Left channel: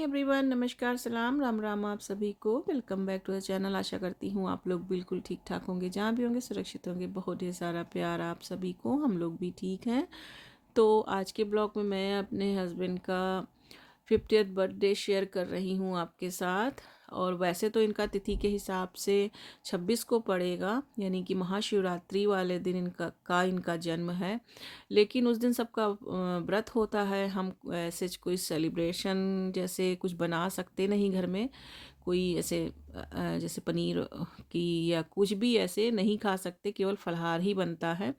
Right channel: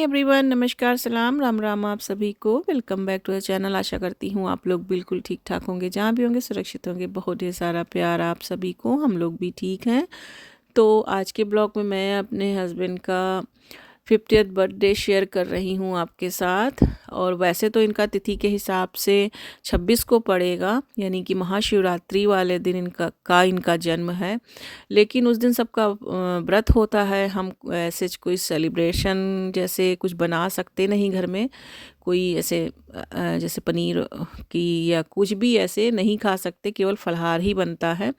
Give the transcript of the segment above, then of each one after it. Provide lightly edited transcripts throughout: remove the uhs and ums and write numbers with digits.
Hi everyone, नमस्कार, सलाम, राम राम आप सभी को। Welcome back to the channel. आशा करती हूँ आप लोग बिल्कुल ठीक ठाक होंगे, जहाँ भी होंगे सुरक्षित होंगे। बहुत ढेर सारा प्यार आप सभी को, हम लोग भी ठीक हैं। तो आज के ब्लॉग में मैं अपने हस्बैंड का 50th बर्थडे शेयर कर रही हूँ आपके साथ। और वैसे तो इनका तिथि के हिसाब से 26 को पड़ेगा, यानी कि महाशिवरात्रि वाले दिन इनका जन्म है। लेकिन उस दिन सबका व्रत होता है। हम ऐसे कोई सेलिब्रेशन जैसे कुछ बना सकते नहीं घर में, कोई ऐसे जैसे पनीर की या कुछ भी ऐसे नहीं खा सकते, केवल फलाहार ही बनता है।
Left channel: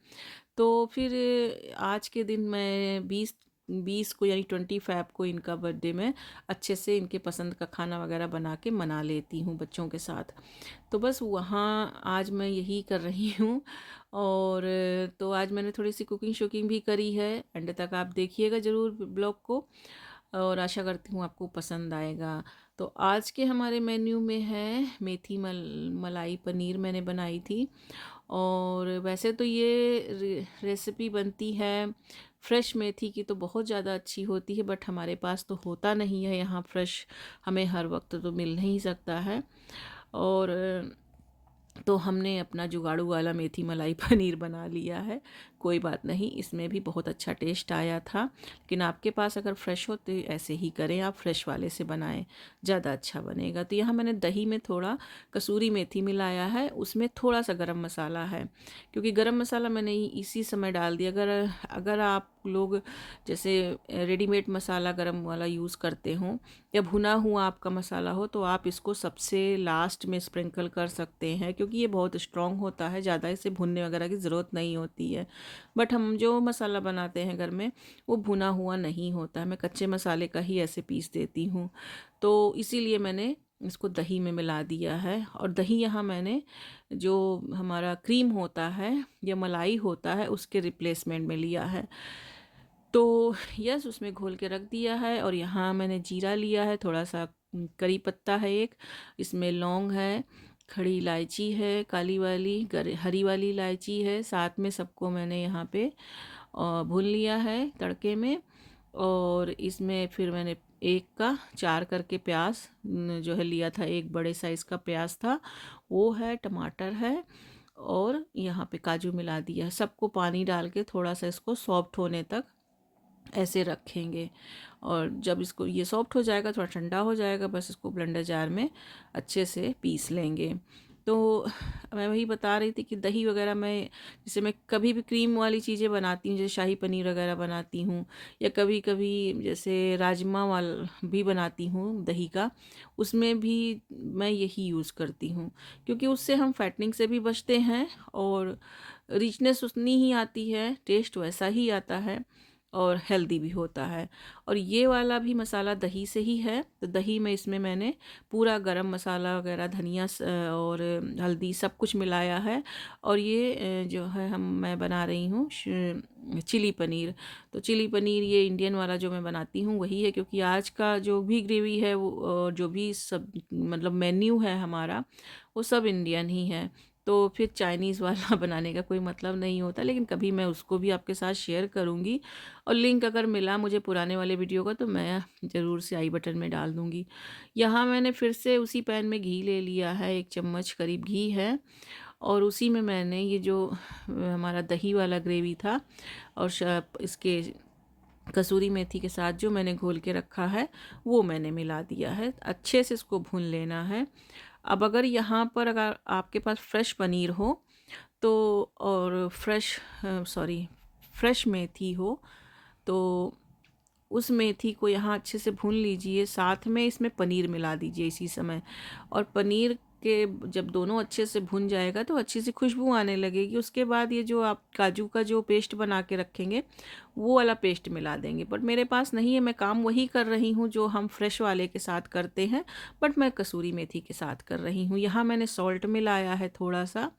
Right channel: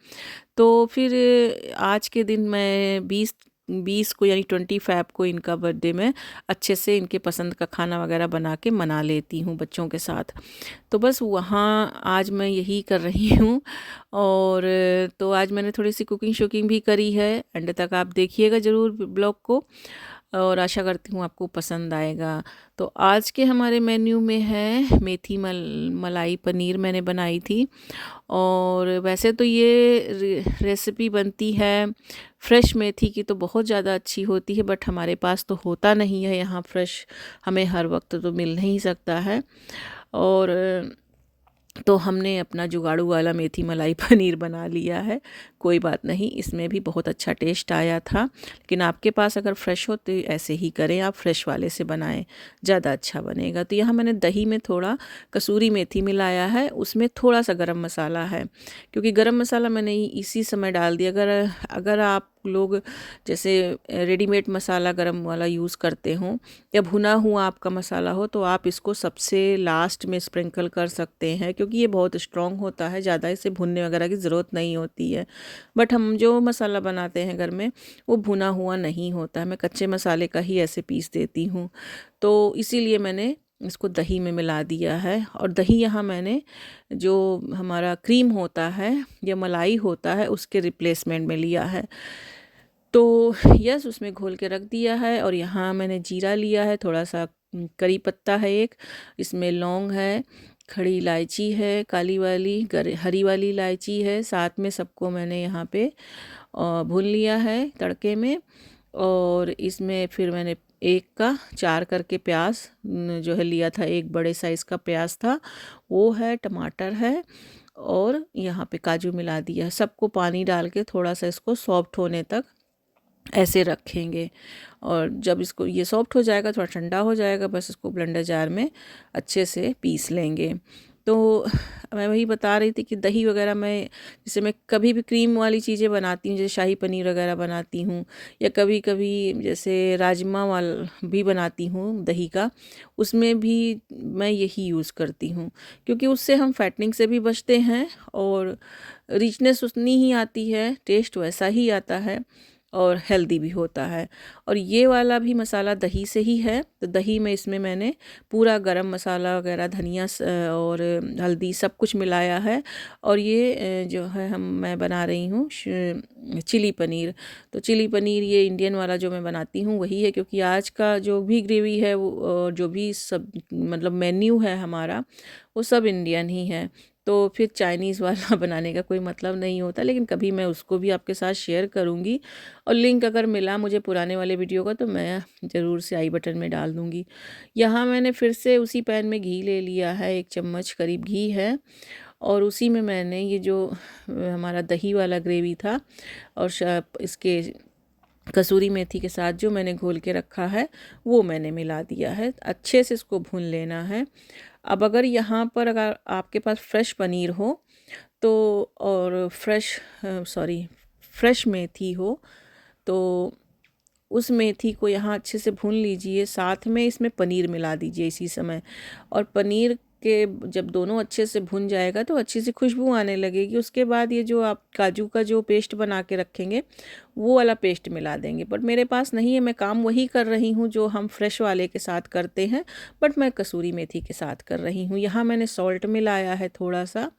तो फिर आज के दिन मैं 20 को यानी 25 को इनका बर्थडे में अच्छे से इनके पसंद का खाना वगैरह बना के मना लेती हूँ बच्चों के साथ। तो बस वहाँ आज मैं यही कर रही हूँ। और तो आज मैंने थोड़ी सी कुकिंग शुकिंग भी करी है। एंड तक आप देखिएगा ज़रूर ब्लॉग को, और आशा करती हूँ आपको पसंद आएगा। तो आज के हमारे मेन्यू में है मेथी मलाई पनीर मैंने बनाई थी। और वैसे तो ये रेसिपी बनती है फ्रेश मेथी की, तो बहुत ज़्यादा अच्छी होती है, बट हमारे पास तो होता नहीं है यहाँ फ्रेश, हमें हर वक्त तो मिल नहीं सकता है। और तो हमने अपना जुगाड़ू वाला मेथी मलाई पनीर बना लिया है। कोई बात नहीं, इसमें भी बहुत अच्छा टेस्ट आया था। लेकिन आपके पास अगर फ्रेश हो तो ऐसे ही करें, आप फ्रेश वाले से बनाएं, ज़्यादा अच्छा बनेगा। तो यहाँ मैंने दही में थोड़ा कसूरी मेथी मिलाया है, उसमें थोड़ा सा गरम मसाला है, क्योंकि गरम मसाला मैंने इसी समय डाल दिया। अगर अगर आप लोग जैसे रेडीमेड मसाला गरम वाला यूज़ करते हों या भुना हुआ आपका मसाला हो, तो आप इसको सबसे लास्ट में स्प्रिंकल कर सकते हैं, क्योंकि ये बहुत स्ट्रॉन्ग होता है, ज़्यादा इसे भुनने वगैरह की ज़रूरत नहीं होती है। बट हम जो मसाला बनाते हैं घर में वो भुना हुआ नहीं होता है, मैं कच्चे मसाले का ही ऐसे पीस देती हूँ। तो इसीलिए मैंने इसको दही में मिला दिया है। और दही यहाँ मैंने जो हमारा क्रीम होता है या मलाई होता है उसके रिप्लेसमेंट में लिया है। तो यस, उसमें घोल के रख दिया है। और यहाँ मैंने जीरा लिया है, थोड़ा सा करी पत्ता है एक, इसमें लौंग है, खड़ी इलायची है, काली वाली हरी वाली इलायची है, साथ में सबको मैंने यहाँ पे भून लिया है तड़के में। और इसमें फिर मैंने एक का 4 करके प्याज जो है लिया था, एक बड़े साइज़ का प्याज था वो है, टमाटर है, और यहाँ पे काजू मिला दिया है। सबको पानी डाल के थोड़ा सा इसको सॉफ्ट होने तक ऐसे रखेंगे। और जब इसको ये सॉफ्ट हो जाएगा, थोड़ा ठंडा हो जाएगा, बस इसको ब्लेंडर जार में अच्छे से पीस लेंगे। तो मैं वही बता रही थी कि दही वगैरह मैं, जैसे मैं कभी भी क्रीम वाली चीज़ें बनाती हूँ, जैसे शाही पनीर वगैरह बनाती हूँ, या कभी कभी जैसे राजमा वाल भी बनाती हूँ दही का, उसमें भी मैं यही यूज़ करती हूँ, क्योंकि उससे हम फैटनिंग से भी बचते हैं और रिचनेस उतनी ही आती है, टेस्ट वैसा ही आता है, और हेल्दी भी होता है। और ये वाला भी मसाला दही से ही है। तो दही में इसमें मैंने पूरा गरम मसाला वगैरह, धनिया और हल्दी सब कुछ मिलाया है। और ये जो है मैं बना रही हूँ चिली पनीर। तो चिली पनीर ये इंडियन वाला जो मैं बनाती हूँ वही है, क्योंकि आज का जो भी ग्रेवी है वो जो भी सब मतलब मेन्यू है हमारा, वो सब इंडियन ही है। तो फिर चाइनीज़ वाला बनाने का कोई मतलब नहीं होता, लेकिन कभी मैं उसको भी आपके साथ शेयर करूँगी। और लिंक अगर मिला मुझे पुराने वाले वीडियो का तो मैं ज़रूर से आई बटन में डाल दूँगी। यहाँ मैंने फिर से उसी पैन में घी ले लिया है, 1 चम्मच करीब घी है। और उसी में मैंने ये जो हमारा दही वाला ग्रेवी था और इसके कसूरी मेथी के साथ जो मैंने घोल के रखा है वो मैंने मिला दिया है। अच्छे से इसको भून लेना है। अब अगर यहाँ पर अगर आपके पास फ्रेश पनीर हो तो, और फ्रेश मेथी हो, तो उस मेथी को यहाँ अच्छे से भून लीजिए, साथ में इसमें पनीर मिला दीजिए इसी समय। और पनीर के जब दोनों अच्छे से भुन जाएगा तो अच्छी सी खुशबू आने लगेगी। उसके बाद ये जो आप काजू का जो पेस्ट बना के रखेंगे वो वाला पेस्ट मिला देंगे। बट मेरे पास नहीं है, मैं काम वही कर रही हूँ जो हम फ्रेश वाले के साथ करते हैं, बट मैं कसूरी मेथी के साथ कर रही हूँ। यहाँ मैंने सॉल्ट मिलाया है थोड़ा सा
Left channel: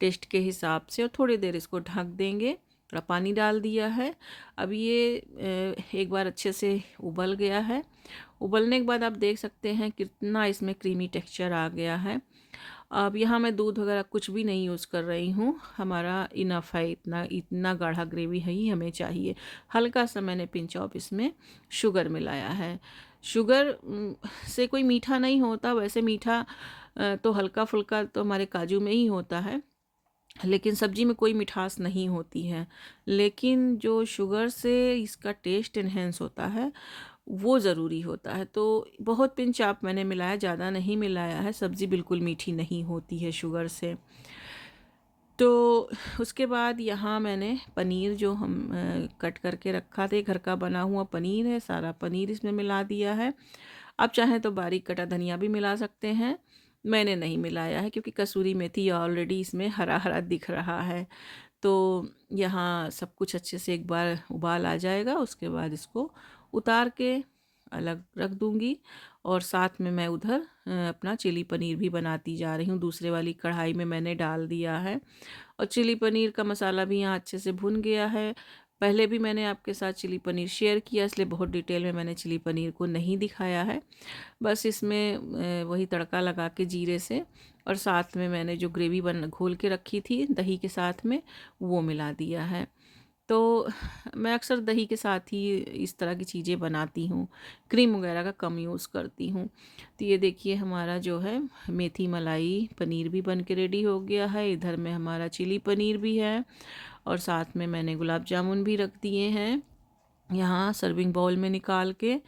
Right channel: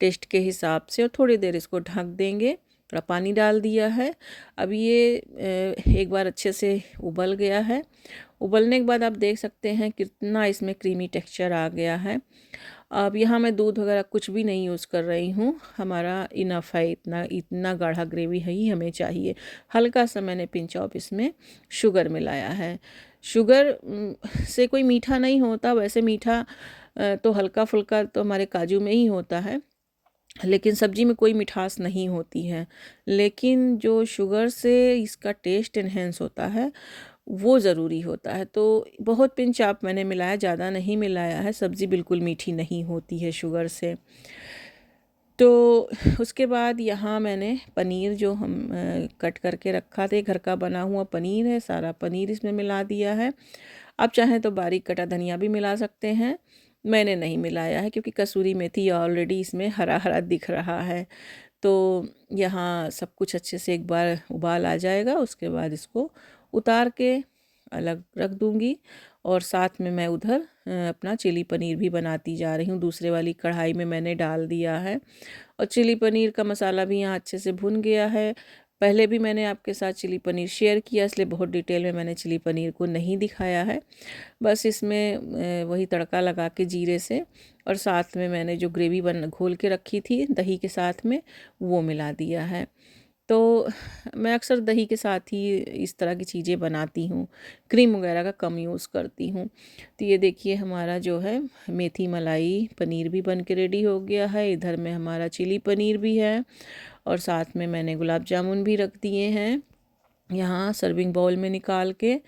टेस्ट के हिसाब से, और थोड़ी देर इसको ढक देंगे। थोड़ा पानी डाल दिया है। अब ये एक बार अच्छे से उबल गया है। उबलने के बाद आप देख सकते हैं कितना इसमें क्रीमी टेक्सचर आ गया है। अब यहाँ मैं दूध वगैरह कुछ भी नहीं यूज़ कर रही हूँ, हमारा इनफ है, इतना इतना गाढ़ा ग्रेवी है ही हमें चाहिए। हल्का सा मैंने पिंच ऑफ इसमें शुगर मिलाया है। शुगर से कोई मीठा नहीं होता, वैसे मीठा तो हल्का फुल्का तो हमारे काजू में ही होता है, लेकिन सब्जी में कोई मिठास नहीं होती है। लेकिन जो शुगर से इसका टेस्ट एनहेंस होता है वो ज़रूरी होता है। तो बहुत पिंच आप मैंने मिलाया, ज़्यादा नहीं मिलाया है, सब्ज़ी बिल्कुल मीठी नहीं होती है शुगर से। तो उसके बाद यहाँ मैंने पनीर जो हम कट करके रखा था, घर का बना हुआ पनीर है, सारा पनीर इसमें मिला दिया है। आप चाहें तो बारीक कटा धनिया भी मिला सकते हैं, मैंने नहीं मिलाया है क्योंकि कसूरी मेथी ऑलरेडी इसमें हरा हरा दिख रहा है। तो यहाँ सब कुछ अच्छे से एक बार उबाल आ जाएगा, उसके बाद इसको उतार के अलग रख दूँगी। और साथ में मैं उधर अपना चिली पनीर भी बनाती जा रही हूँ, दूसरे वाली कढ़ाई में मैंने डाल दिया है। और चिली पनीर का मसाला भी यहाँ अच्छे से भुन गया है। पहले भी मैंने आपके साथ चिली पनीर शेयर किया, इसलिए बहुत डिटेल में मैंने चिली पनीर को नहीं दिखाया है। बस इसमें वही तड़का लगा के जीरे से, और साथ में मैंने जो ग्रेवी बन घोल के रखी थी दही के साथ में, वो मिला दिया है। तो मैं अक्सर दही के साथ ही इस तरह की चीज़ें बनाती हूँ, क्रीम वगैरह का कम यूज़ करती हूँ। तो ये देखिए हमारा जो है मेथी मलाई पनीर भी बन के रेडी हो गया है। इधर में हमारा चिली पनीर भी है, और साथ में मैंने गुलाब जामुन भी रख दिए हैं यहाँ सर्विंग बाउल में निकाल के।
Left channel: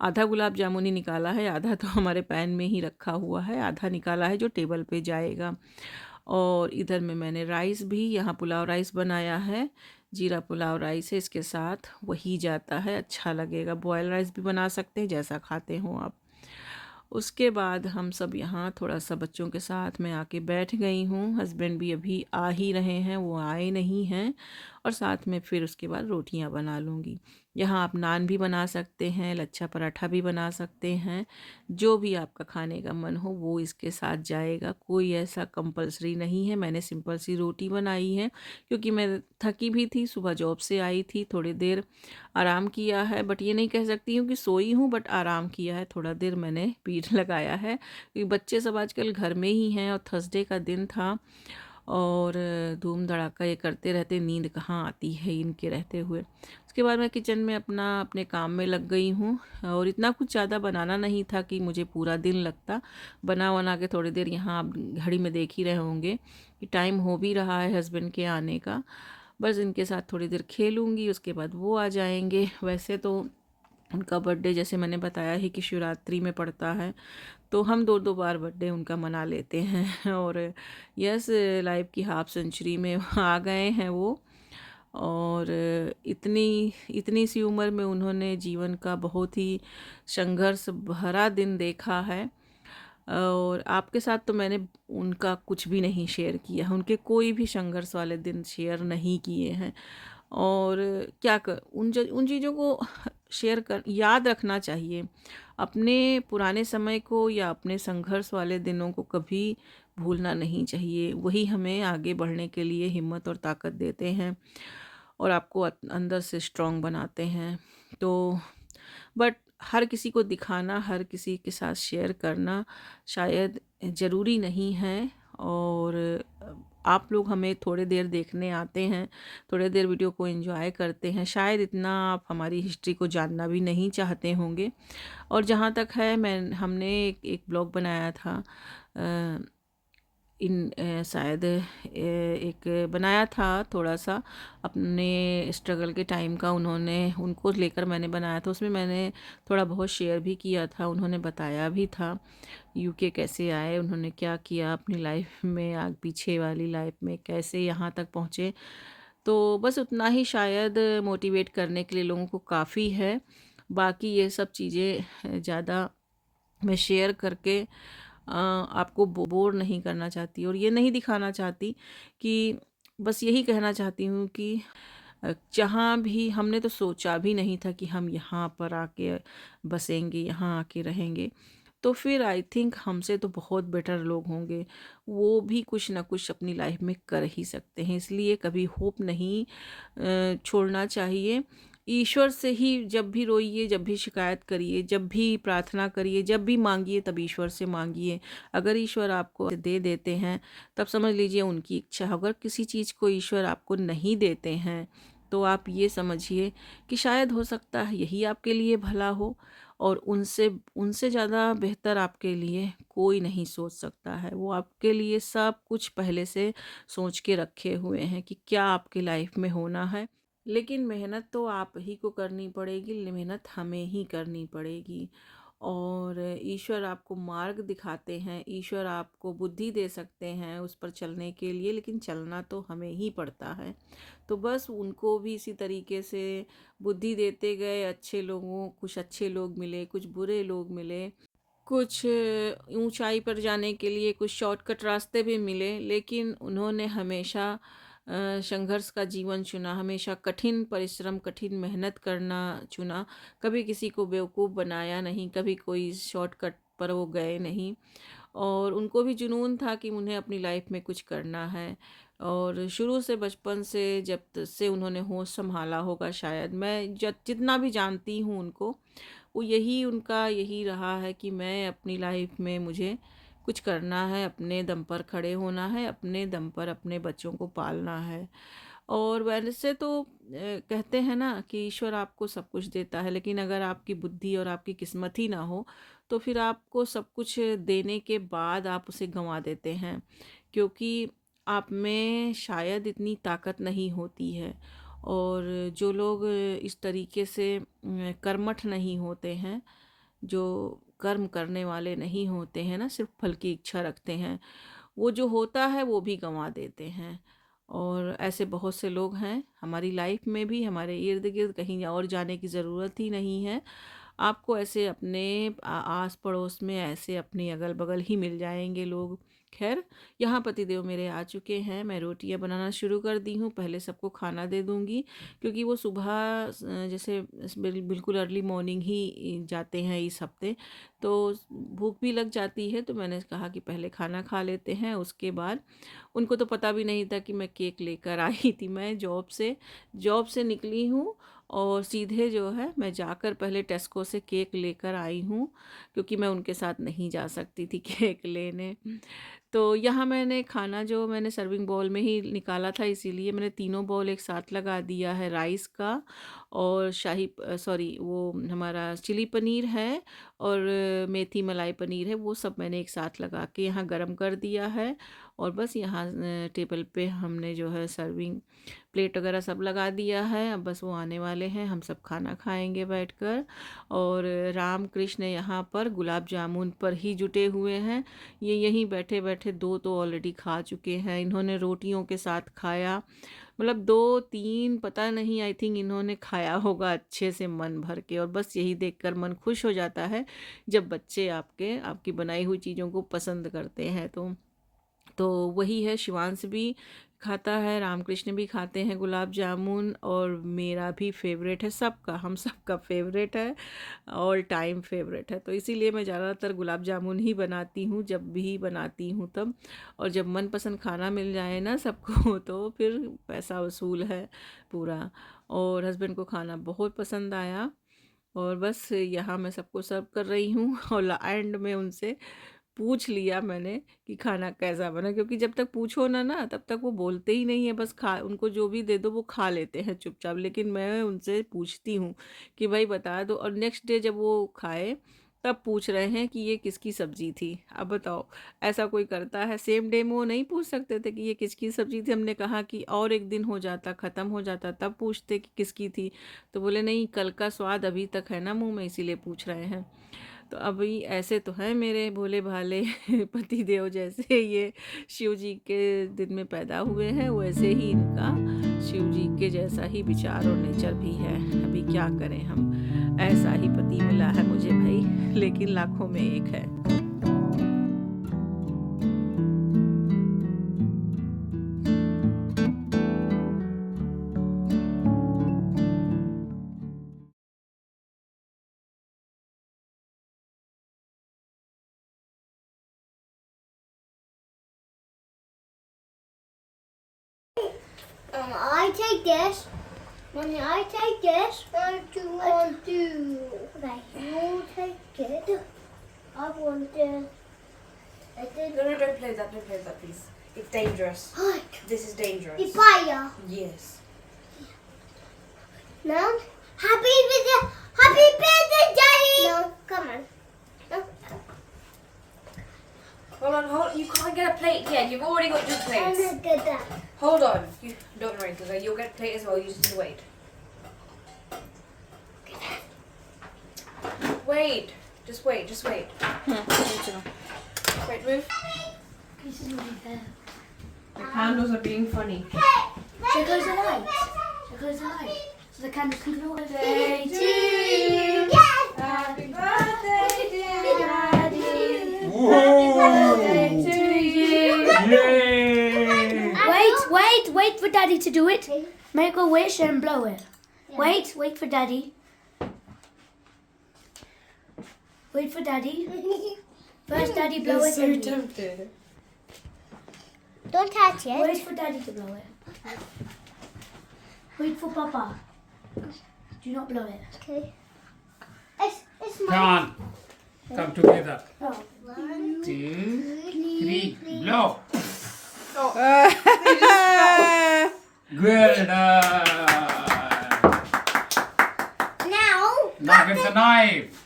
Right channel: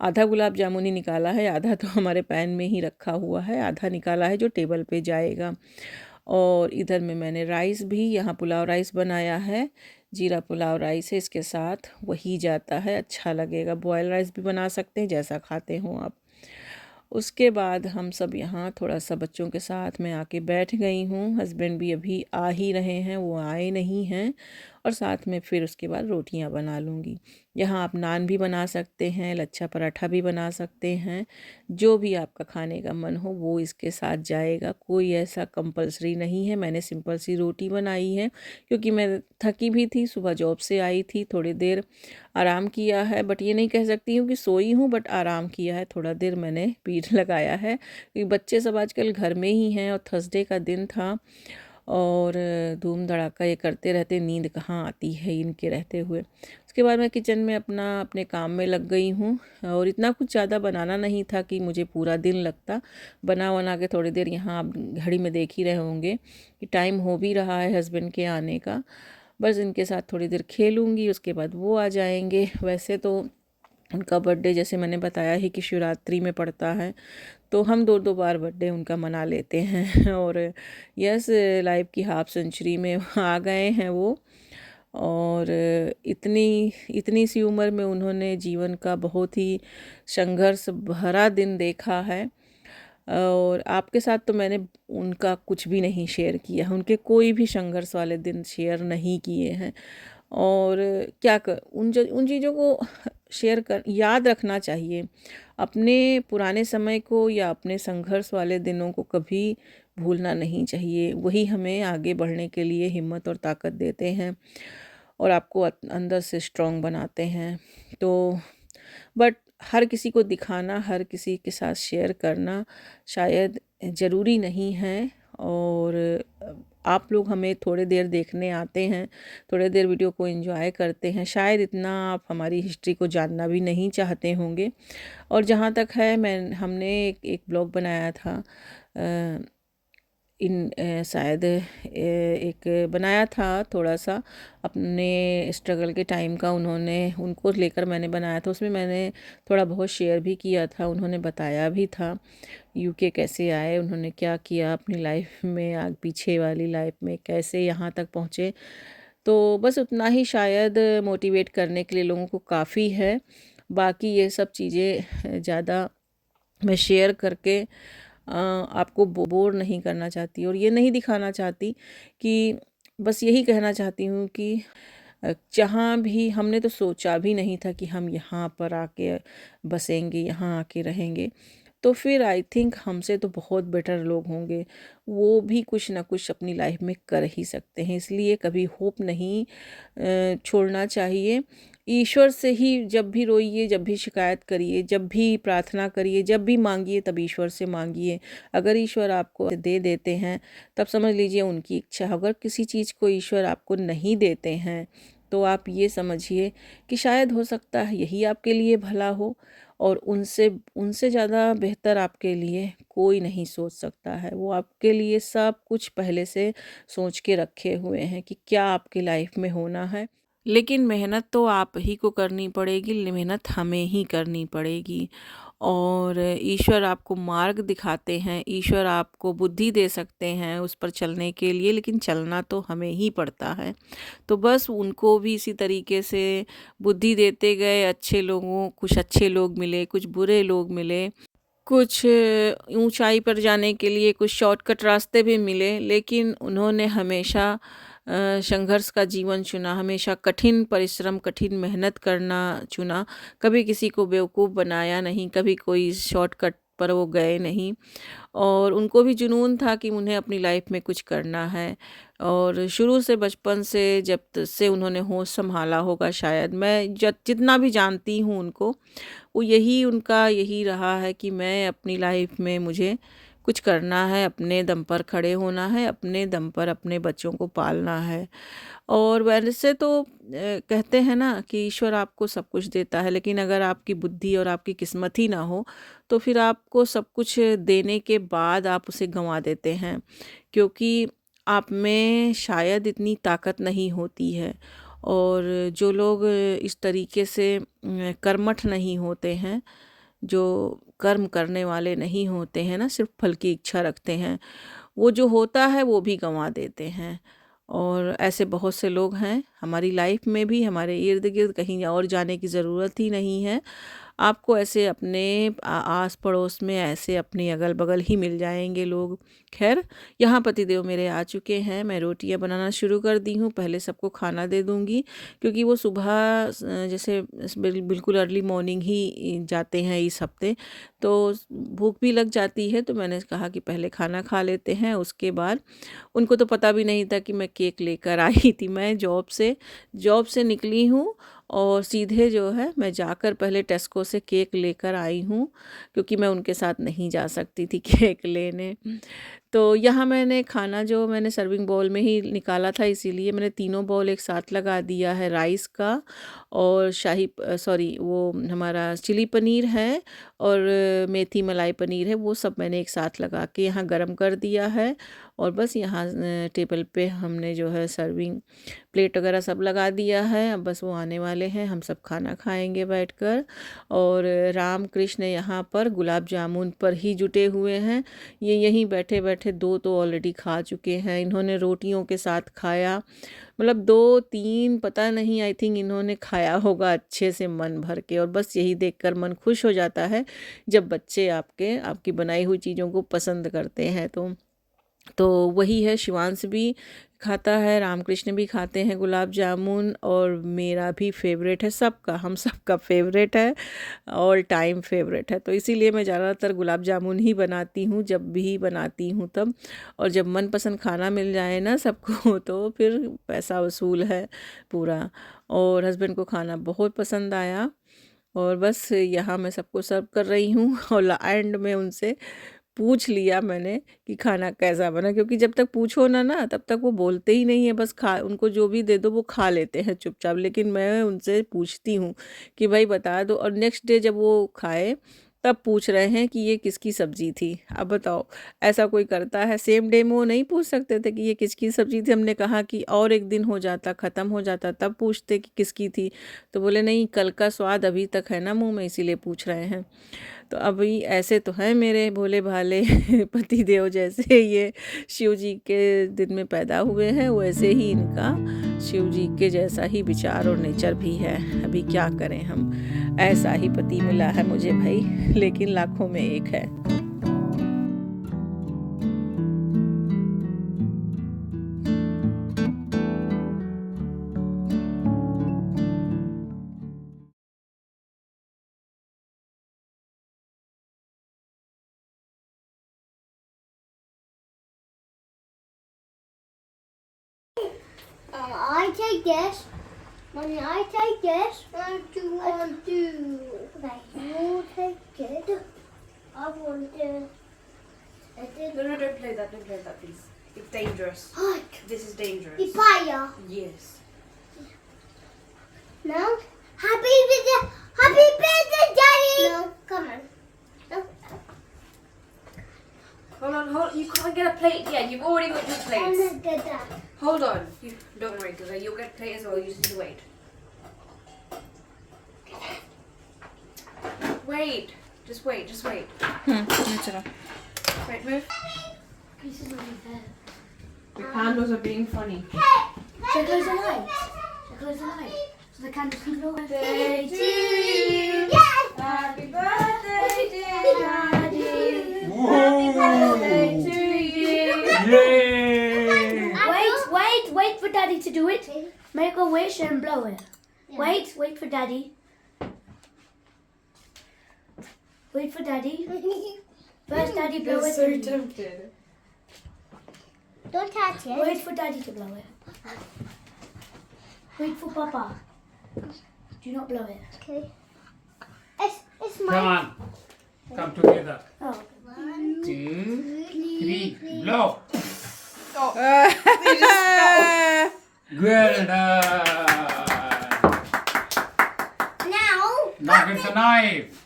आधा गुलाब जामुन ही निकाला है, आधा तो हमारे पैन में ही रखा हुआ है, आधा निकाला है जो टेबल पे जाएगा। और इधर में मैंने राइस भी, यहाँ पुलाव राइस बनाया है, जीरा पुलाव राइस है, इसके साथ वही जाता है, अच्छा लगेगा। बॉयल राइस भी बना सकते हैं, जैसा खाते हो आप। उसके बाद हम सब यहाँ थोड़ा सा बच्चों के साथ में आके बैठ गई हूँ। हस्बैंड भी अभी आ ही रहे हैं, वो आए नहीं हैं। और साथ में फिर उसके बाद रोटियाँ बना लूँगी। यहाँ आप नान भी बना सकते हैं, लच्छा पराठा भी बना सकते हैं, जो भी आपका खाने का मन हो वो इसके साथ जाएगा, कोई ऐसा कंपल्सरी नहीं है। मैंने सिंपल सी रोटी बनाई है क्योंकि मैं थकी भी थी, सुबह जॉब से आई थी, थोड़ी देर आराम किया है, बट ये नहीं कह सकती हूँ कि सोई हूँ, बट आराम किया है, थोड़ा देर मैंने पीठ लगाया है क्योंकि बच्चे सब आजकल घर में ही हैं और थर्सडे का दिन था, और धूम धड़ाका ये करते रहते, नींद कहाँ आती है इनके रहते हुए। उसके बाद मैं किचन में अपने काम में लग गई हूँ, और इतना कुछ ज़्यादा बनाना नहीं था कि मुझे पूरा दिन लगता। बना के थोड़ी देर, यहाँ आप घड़ी में देख ही रहे होंगे कि टाइम हो भी रहा है हस्बैंड के आने का। बस इनके साथ थोड़ी देर खेलूँगी, उसके बाद वो आ जाएंगे। वैसे तो उनका बर्थडे जैसे मैंने बताया ही कि शिवरात्रि में पड़ता है, तो हम दो दो बार बर्थडे उनका मना लेते हैं। और यस, लाइफ की हाफ सेंचुरी में आ गए हैं वो। और इतनी इतनी सी उम्र में उन्होंने जीवन का बहुत ही संघर्ष भरा दिन देखा है। और आपके साथ तो मैंने उनका कुछ भी नहीं शेयर किया है, उनके कोई भी संघर्ष वाले दिन शेयर नहीं किए हैं। और क्या कर उन चीज़ों को शेयर कर याद रखना चाहिए। अपने पुराने समय को या अपने संघर्ष वाले दिनों को कभी भूलना नहीं चाहिए, वही हमें आगे बढ़ने के लिए हिम्मत और ताकत देते हैं, और आपको अंदर से स्ट्रांग बनाते हैं। तो बट हर किसी को दिखाना, हर किसी के साथ शेयर करना शायद ज़रूरी नहीं है। और आप लोग हमें थोड़ी देर देखने आते हैं, थोड़ी देर वीडियो को एंजॉय करते हैं, शायद इतना आप हमारी हिस्ट्री को जानना भी नहीं चाहते होंगे। और जहाँ तक है, हमने एक ब्लॉग बनाया था, शायद एक बनाया था थोड़ा सा अपने स्ट्रगल के टाइम का, उनको लेकर मैंने बनाया था। उसमें मैंने थोड़ा बहुत शेयर भी किया था, उन्होंने बताया भी था यूके कैसे आए, उन्होंने क्या किया अपनी लाइफ में, आगे पीछे वाली लाइफ में कैसे यहाँ तक पहुँचे। तो बस उतना ही शायद मोटिवेट करने के लिए लोगों को काफ़ी है। बाकी ये सब चीज़ें ज़्यादा मैं शेयर करके आपको बोर नहीं करना चाहती, और ये नहीं दिखाना चाहती कि, बस यही कहना चाहती हूँ कि जहाँ भी हमने तो सोचा भी नहीं था कि हम यहाँ पर आके बसेंगे, यहाँ आके रहेंगे, तो फिर आई थिंक हमसे तो बहुत बेटर लोग होंगे, वो भी कुछ ना कुछ अपनी लाइफ में कर ही सकते हैं। इसलिए कभी होप नहीं छोड़ना चाहिए। ईश्वर से ही जब भी रोइए, जब भी शिकायत करिए, जब भी प्रार्थना करिए, जब भी मांगिए, तब ईश्वर से मांगिए। अगर ईश्वर आपको दे देते हैं तब समझ लीजिए उनकी इच्छा। अगर किसी चीज़ को ईश्वर आपको नहीं देते हैं तो आप ये समझिए कि शायद हो सकता है यही आपके लिए भला हो। और उनसे उनसे ज़्यादा बेहतर आपके लिए कोई नहीं सोच सकता है। वो आपके लिए सब कुछ पहले से सोच के रखे हुए हैं कि क्या आपकी लाइफ में होना है। लेकिन मेहनत तो आप ही को करनी पड़ेगी, मेहनत हमें ही करनी पड़ेगी। और ईश्वर आपको मार्ग दिखाते हैं, ईश्वर आपको बुद्धि दे सकते हैं उस पर चलने के लिए, लेकिन चलना तो हमें ही पड़ता है। तो बस उनको भी इसी तरीके से बुद्धि देते गए, अच्छे लोगों कुछ अच्छे लोग मिले, कुछ बुरे लोग मिले, कुछ ऊंचाई पर जाने के लिए कुछ शॉर्टकट रास्ते भी मिले, लेकिन उन्होंने हमेशा संघर्ष का जीवन चुना, हमेशा कठिन परिश्रम, कठिन मेहनत करना चुना। कभी किसी को बेवकूफ़ बनाया नहीं, कभी कोई शॉर्टकट पर वो गए नहीं। और उनको भी जुनून था कि उन्हें अपनी लाइफ में कुछ करना है। और शुरू से बचपन से से उन्होंने होश संभाला होगा, शायद मैं जितना भी जानती हूँ उनको, वो यही उनका यही रहा है कि मैं अपनी लाइफ में मुझे कुछ करना है, अपने दम पर खड़े होना है, अपने दम पर अपने बच्चों को पालना है। और वैसे तो कहते हैं ना कि ईश्वर आपको सब कुछ देता है, लेकिन अगर आपकी बुद्धि और आपकी किस्मत ही ना हो तो फिर आपको सब कुछ देने के बाद आप उसे गंवा देते हैं, क्योंकि आप में शायद इतनी ताकत नहीं होती है। और जो लोग इस तरीके से कर्मठ नहीं होते हैं, जो कर्म करने वाले नहीं होते हैं ना, सिर्फ फल की इच्छा रखते हैं, वो जो होता है वो भी गंवा देते हैं। और ऐसे बहुत से लोग हैं हमारी लाइफ में भी, हमारे इर्द गिर्द, कहीं और जाने की ज़रूरत ही नहीं है। आपको ऐसे अपने आस पड़ोस में, ऐसे अपने अगल बगल ही मिल जाएंगे लोग। खैर, यहाँ पतिदेव मेरे आ चुके हैं, मैं रोटियाँ बनाना शुरू कर दी हूँ। पहले सबको खाना दे दूँगी, क्योंकि वो सुबह जैसे बिल्कुल अर्ली मॉर्निंग ही जाते हैं इस हफ्ते, तो भूख भी लग जाती है। तो मैंने कहा कि पहले खाना खा लेते हैं, उसके बाद उनको तो पता भी नहीं था कि मैं केक लेकर आई थी। मैं जॉब से निकली हूँ और सीधे जो है मैं जाकर पहले टेस्को से केक लेकर आई हूँ, क्योंकि मैं उनके साथ नहीं जा सकती थी केक लेने। तो यहाँ मैंने खाना जो मैंने सर्विंग बाउल में ही निकाला था, इसीलिए मैंने तीनों बाउल एक साथ लगा दिया है। राइस का और सॉरी, वो हमारा चिली पनीर है और मेथी मलाई पनीर है, वो सब मैंने एक साथ लगा के यहाँ गरम कर दिया है। और बस यहाँ टेबल पे हमने जो है सर्विंग प्लेट वगैरह सब लगा दिया है। अब बस वो आने वाले हैं, हम सब खाना खाएंगे बैठकर। और राम कृष्ण यहाँ पर गुलाब जामुन पर ही जुटे हुए हैं। ये यहीं बैठे बैठे दो तो ऑलरेडी खा चुके हैं, इन्होंने रोटियों के साथ खाया, मतलब दो तीन पता नहीं, आई थिंक इन्होंने खाया होगा अच्छे से मन भर के। और बस यही देखकर मन खुश हो जाता है जब बच्चे आपकी बनाई हुई चीज़ों को पसंद करते हैं। तो वही है, शिवांश भी खाता है, रामकृष्ण भी खाते हैं गुलाब जामुन, और मेरा भी फेवरेट है, हम सबका फेवरेट है, ऑल टाइम फेवरेट है। तो इसीलिए मैं ज़्यादातर गुलाब जामुन ही बनाती हूँ, जब भी बनाती हूँ तब। और जब मनपसंद खाना मिल जाए ना सबको तो फिर पैसा वसूल है पूरा। और हस्बैंड को खाना बहुत पसंद आया, और बस यहाँ मैं सबको सर्व कर रही हूँ। और एंड में उनसे पूछ लिया मैंने कि खाना कैसा बना, क्योंकि जब तक पूछो ना तब तक वो बोलते ही नहीं है, बस खा, उनको जो भी दे दो वो खा लेते हैं चुपचाप। लेकिन मैं उनसे पूछती हूँ कि भाई बता दो, और नेक्स्ट डे जब वो खाए तब पूछ रहे हैं कि ये किसकी सब्ज़ी थी। अब बताओ, ऐसा कोई करता है? सेम डे में वो नहीं पूछ सकते थे कि ये किसकी सब्ज़ी थी? हमने कहा कि और एक दिन हो जाता, ख़त्म हो जाता, तब पूछते कि किसकी थी। तो बोले नहीं, कल का स्वाद अभी तक है ना मुँह में, इसीलिए पूछ रहे हैं। तो अभी ऐसे तो हैं मेरे भोले भाले पति देव, जैसे ये शिव जी के दिन में पैदा हुए हैं वैसे ही इनका शिव जी के जैसा ही विचार और नेचर भी है। अभी क्या करें हम, ऐसा ही पति मिला है मुझे भाई, लेकिन लाखों में एक है। I take this. Mommy, I take this. What do you want to do? Okay, you take it. I want this. No, don't play that. Don't play that, please. It's dangerous. This is dangerous. It's fire. Yes. Now, happy birthday Daddy. No, come on. No. Hold on. You can't get a plate yet. You've already got 2 I'm plates. not good at that. Hold on. You don't worry, because you'll get a plate as well. You just need to wait. Wait. Just wait. ये चलो. Wait, move. This is really fair. The candles are being funny. Shall I close the lights? So the candles can blow away. Day to you. Yes! Happy birthday, dear Daddy. Whoa! Day to you. Yay! Wait for Daddy to do it. Make a wish and blow it. Wait for Daddy. Wait for Daddy. First Daddy blow it. then you. tempted. Don't touch it. Wait for Daddy to blow it. Wait for Papa. Do not blow it. Okay. It's Come on. Come together. Oh. 2, 3, blow. Well done. Now, Now get the knife.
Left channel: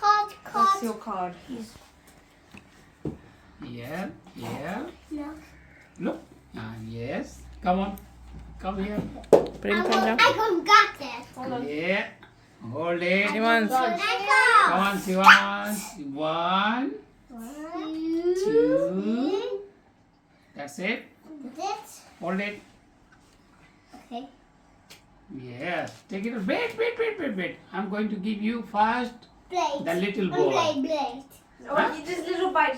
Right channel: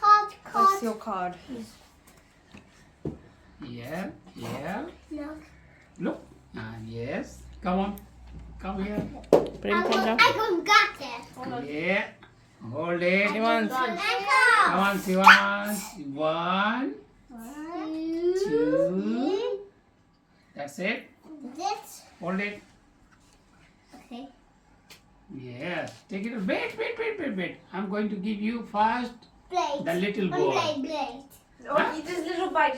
cut. That's your card. Yeah. No. Look. Yes. Come on. Come here. प्रेम कर जाओ. I got it. Yeah. Hold it. Shivansh. Come on, Shivansh. 1, 2. That's it. This. Hold it. Okay. Yes. Take it. Wait. I'm going to give you first Blade. the little boy. Blade. Oh, you just little bite.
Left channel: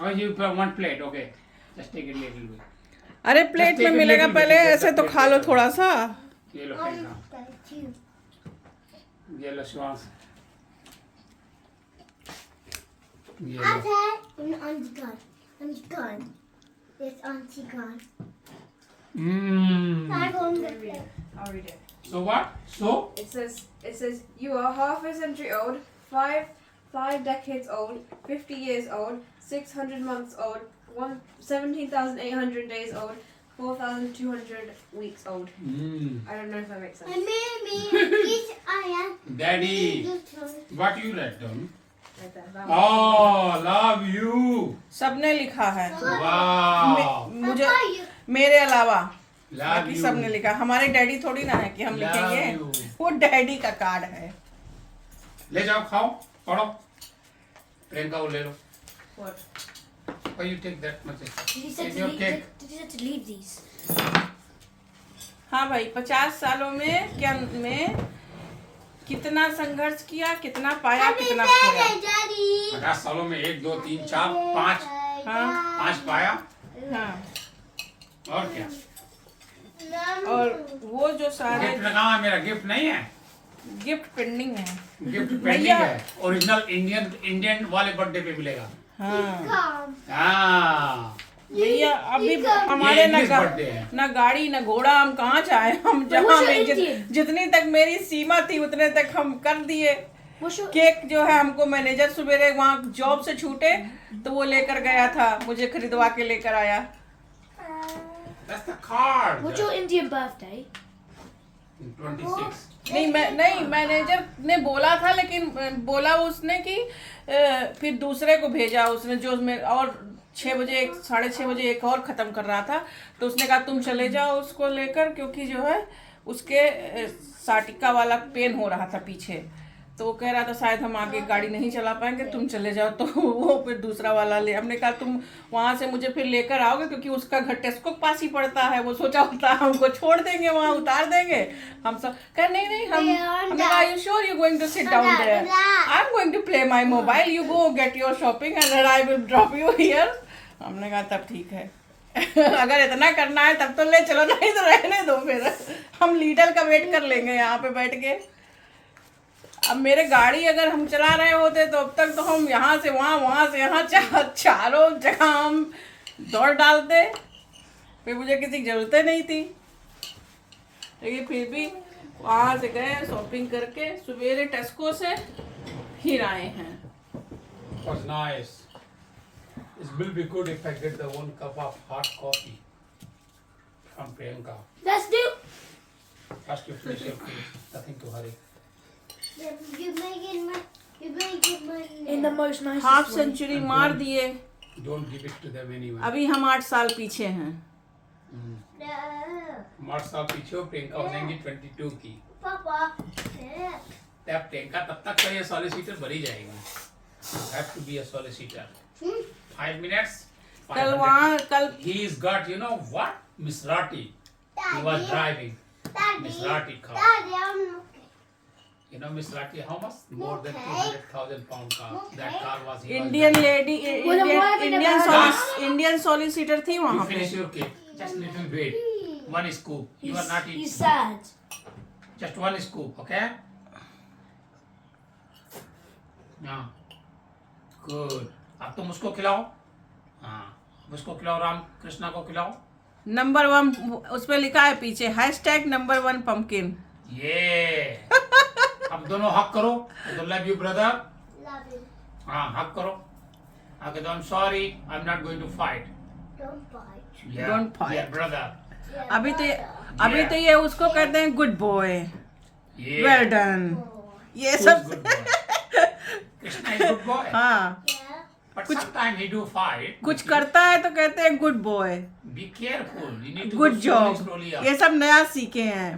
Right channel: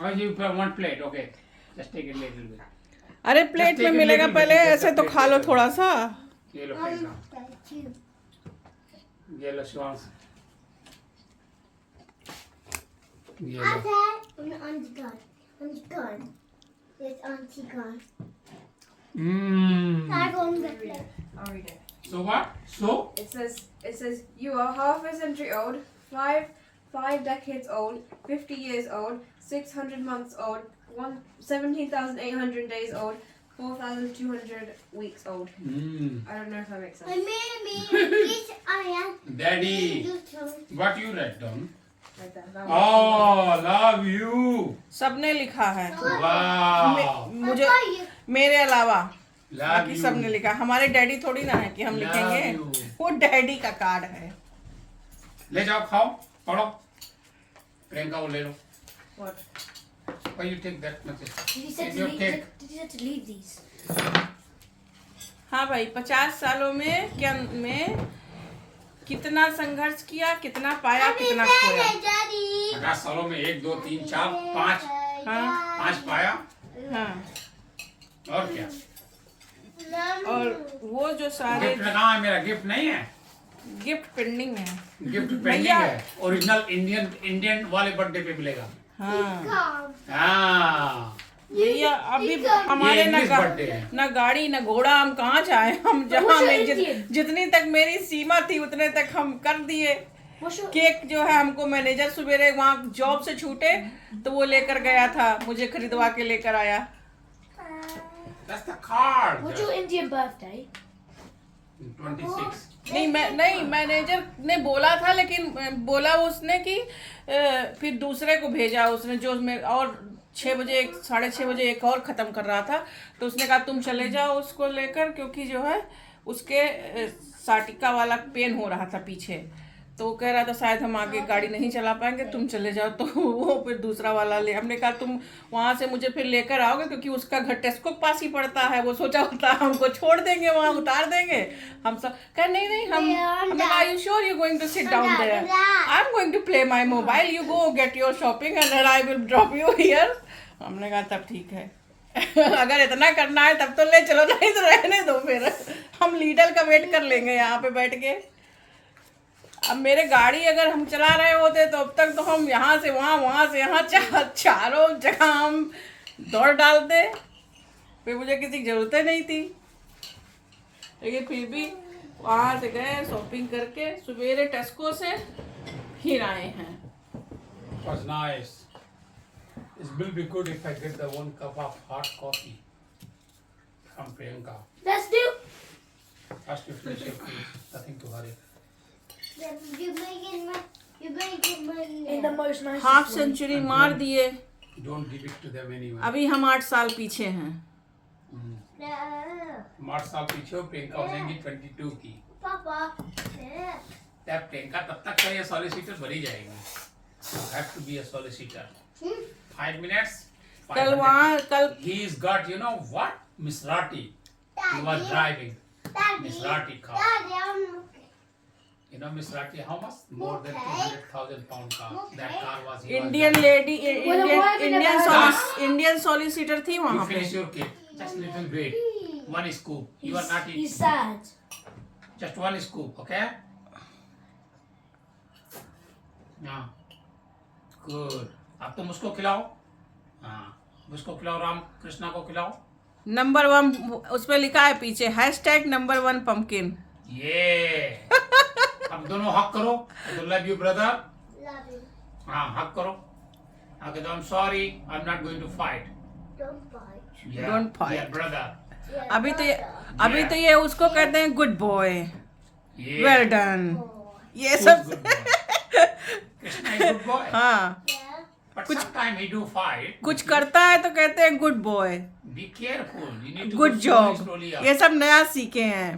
Oh, you put 1 plate. Okay. Just take it a little bit. अरे plate में मिलेगा पहले, ऐसे तो खा लो थोड़ा सा. ये लो plate now. ये लो Shivansh. ये लो. Auntie gone. It's Auntie gone. Mmm. I got the Read it. I'll read it. So what? So? It says you are half a century old, five decades old, 50 years old, 600 months old, 17,800 days old, 4,200 weeks old. Mmm. I don't know if that makes sense. Mommy, yes, I am. Daddy. What you write down? Right there. That one. Oh, love you. सबने लिखा है. Wow. मुझे Papa, you. मेरे अलावा Love बाकी you. सबने लिखा. हमारे डैडी थोड़ी ना है कि हम Love लिखेंगे. you. वो डैडी का कार्ड है. ले जाओ खाओ पढ़ो. प्रियंका वो ले लो. What? Why you take that much? Did you It's your cake. to leave these? हाँ भाई, 50 सालों में कितना संघर्ष किया, कितना पाया, कितना खोया. Daddy. 50 सालों में 1, 2, 3, 4, 5. हाँ. 5 पाया. हाँ. और क्या? और वो जो सारे गिफ्ट कहाँ है? मेरा गिफ्ट नहीं है. गिफ्ट पेंडिंग है. गिफ्ट पेंडिंग भैया. है. ओरिजिनल इंडियन वाले बर्थडे पे मिलेगा. हाँ हाँ. भैया, अभी हमारे ये English birthday है. ना गाड़ी ना घोड़ा, हम कहाँ जाए. हम जहाँ में जितनी तक मेरी सीमा थी उतने तक हम कर दिए. केक जो है हमको मैनेजर सवेरे वहाँ जॉब से छूटे तो वो लेकर गया था, मुझे खरीदवा के लेकर आया. That's the card. What's your Indian birthday? 26. नहीं मैनेजर ने बोला था, लेकिन बोला उसने कि फिर दूसरे को भेजा उसने, जो उसमें और 6 बजे 6:30 बजे एक और ख़त्म कर रहा था. तो उसने कहा तुम चले जाओ उसको लेकर, क्योंकि जो है उसके साटिका वाला पेन हो रहा था पीछे. तो वो कह रहा था शायद हम आगे गाड़ी नहीं चला पाएंगे, तुम चले जाओ. तो वो फिर दूसरा वाला ले, हमने कहा तुम वहाँ से मुझे फिर लेकर आओगे, क्योंकि उसका घर टेस्को के पास ही पड़ता है. वो सोचा होता है हमको छोड़ देंगे वहाँ, उतार देंगे. हम सब कह नहीं हमने कहा you sure you going to sit down there, I am going to play my mobile, you go get your shopping and I will drop you here. हमने कहा तब ठीक है. अगर इतना करना है तब तो ले चलो, नहीं तो रहने दो. फिर हम लीडर का वेट कर लेंगे यहाँ पे बैठ के. अब मेरे गाड़ी अगर हम चला रहे होते तो अब तक तो हम यहाँ से वहाँ से यहाँ चारों जगह हम दौड़ डालते. फिर मुझे किसी की जरूरत नहीं थी, लेकिन फिर भी वहाँ से गए शॉपिंग करके, सवेरे टेस्को से फिर आए हैं. Was nice. It will be good if I get the 1 cup of hot coffee from Priyanka. Let's do. First you finish your food. Nothing to hurry. You're making my In the most nicest half way. Century मार दिए। Don't give it to them anyway. अभी हम 8 साल पीछे हैं। No. 8 साल पीछे हो, प्रियंका हो जाएंगी 22 की। Papa. No. तब प्रियंका तब तक का ये सॉलिसिटर भरी जाएगी। You have to be a solicitor. 5 minutes. कल वहाँ कल He's got, you know what? Miss Rati. He was Daddy. driving. Miss Daddy. Rati car. Daddy, I'm looking. You know Miss Rati, how much? More than Okay. 200,000 pound car. That car was. he was Indian driving. Lady wife Indian solicitor थी You वहाँ पे। finish your cake. Just little bit. One scoop. You are not eating. He's sad. Just one scoop, okay? हाँ. Good. अब तुम उसको खिलाओ. हाँ. अब उसको खिलाओ, राम कृष्णा को खिलाओ. नंबर 1 उसमें लिखा है पीछे #1 pumpkin। ये. अब दोनों हक करो. Love you brother. Love you. हाँ, हक करो. आगे तो I'm sorry. I'm not going to fight. Don't bite. Yeah. Don't fight. Yeah, brother. Yeah, अभी brother. तो ये उसको कहते हैं good boy, Yeah. Well done, ये Who's सब। good boy? Krishna is good boy. हाँ, Yeah. But sometimes he do fight. कुछ करता है तो कहते हैं good boy, Be careful. You need to good go slowly, job. slowly up. ये सब नया सीखे हैं।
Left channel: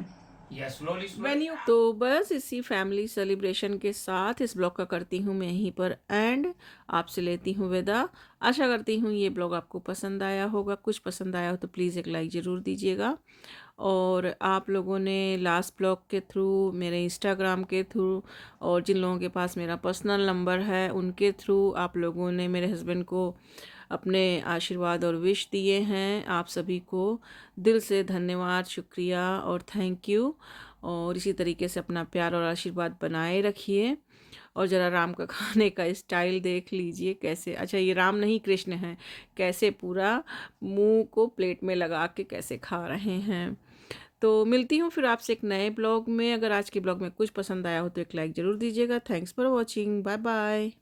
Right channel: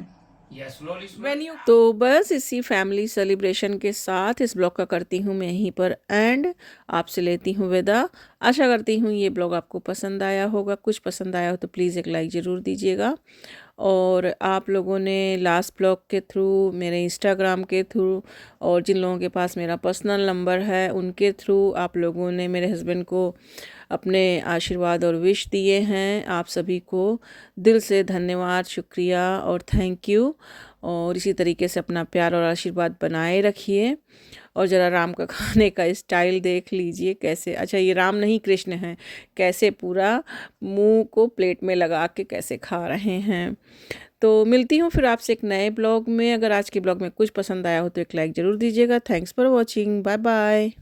Yeah, slowly, slowly. तो बस इसी फैमिली सेलिब्रेशन के साथ इस ब्लॉग का करती हूँ मैं यहीं पर एंड, आपसे लेती हूँ विदा। आशा करती हूँ ये ब्लॉग आपको पसंद आया होगा। कुछ पसंद आया हो तो प्लीज़ एक लाइक ज़रूर दीजिएगा। और आप लोगों ने लास्ट ब्लॉग के थ्रू, मेरे इंस्टाग्राम के थ्रू और जिन लोगों के पास मेरा पर्सनल नंबर है उनके थ्रू आप लोगों ने मेरे हस्बैंड को अपने आशीर्वाद और विश दिए हैं। आप सभी को दिल से धन्यवाद, शुक्रिया और थैंक यू। और इसी तरीके से अपना प्यार और आशीर्वाद बनाए रखिए। और ज़रा राम का खाने का स्टाइल देख लीजिए कैसे, अच्छा ये राम नहीं कृष्ण हैं, कैसे पूरा मुंह को प्लेट में लगा के कैसे खा रहे हैं। तो मिलती हूँ फिर आपसे एक नए ब्लॉग में। अगर आज के ब्लॉग में कुछ पसंद आया हो तो एक लाइक ज़रूर दीजिएगा। Thanks for watching. Bye bye.